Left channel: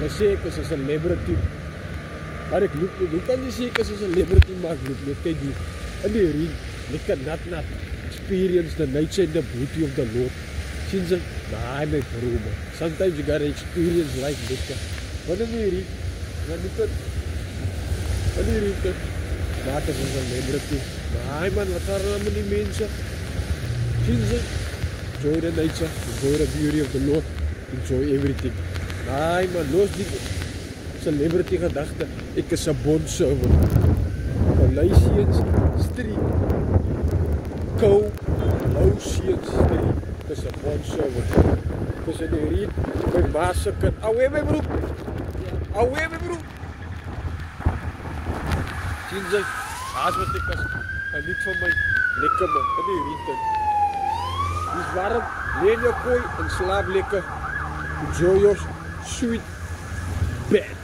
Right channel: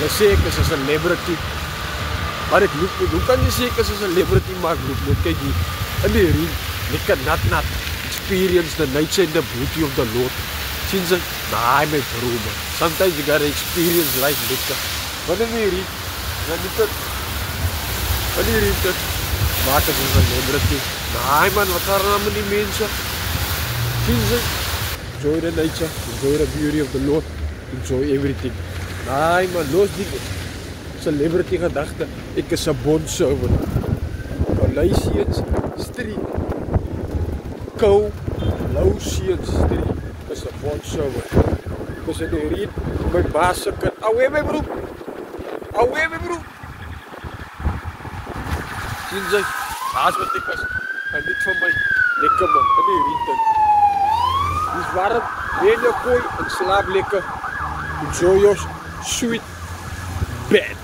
Hulle sê ek is 'n celebrity. Maar ek loop niet. Hoe kan jy sê ek is 'n celebrity maar ek loop nooit? Kyk die in die ring, lekker nat. Experience the nature and the beauty of the Lord. Sien jy? Nah, my bro, man. Sometimes you gotta experience life lekker. Wanneer jy ring, dan moet dit. Wanneer jy dit maak as 'n celebrity. Nah, man, wat gaan aan met die mense? Sien jy? Enjoy the nature, enjoy the beauty of the Lord, enjoy everything. Nah, man, los die celebrity gedagte. Ek is 'n bondservant. Galatians 3. Galatians 3 is 'n bondservant. Dis in die reed, my baas se kind. Away my broer. Away my broer. Sien jy? Haas wat ek is. En niet van my lekker man, in die reed. Dis warm, lê in jou kooi en slaap lekker. Enjoy your sweet bed.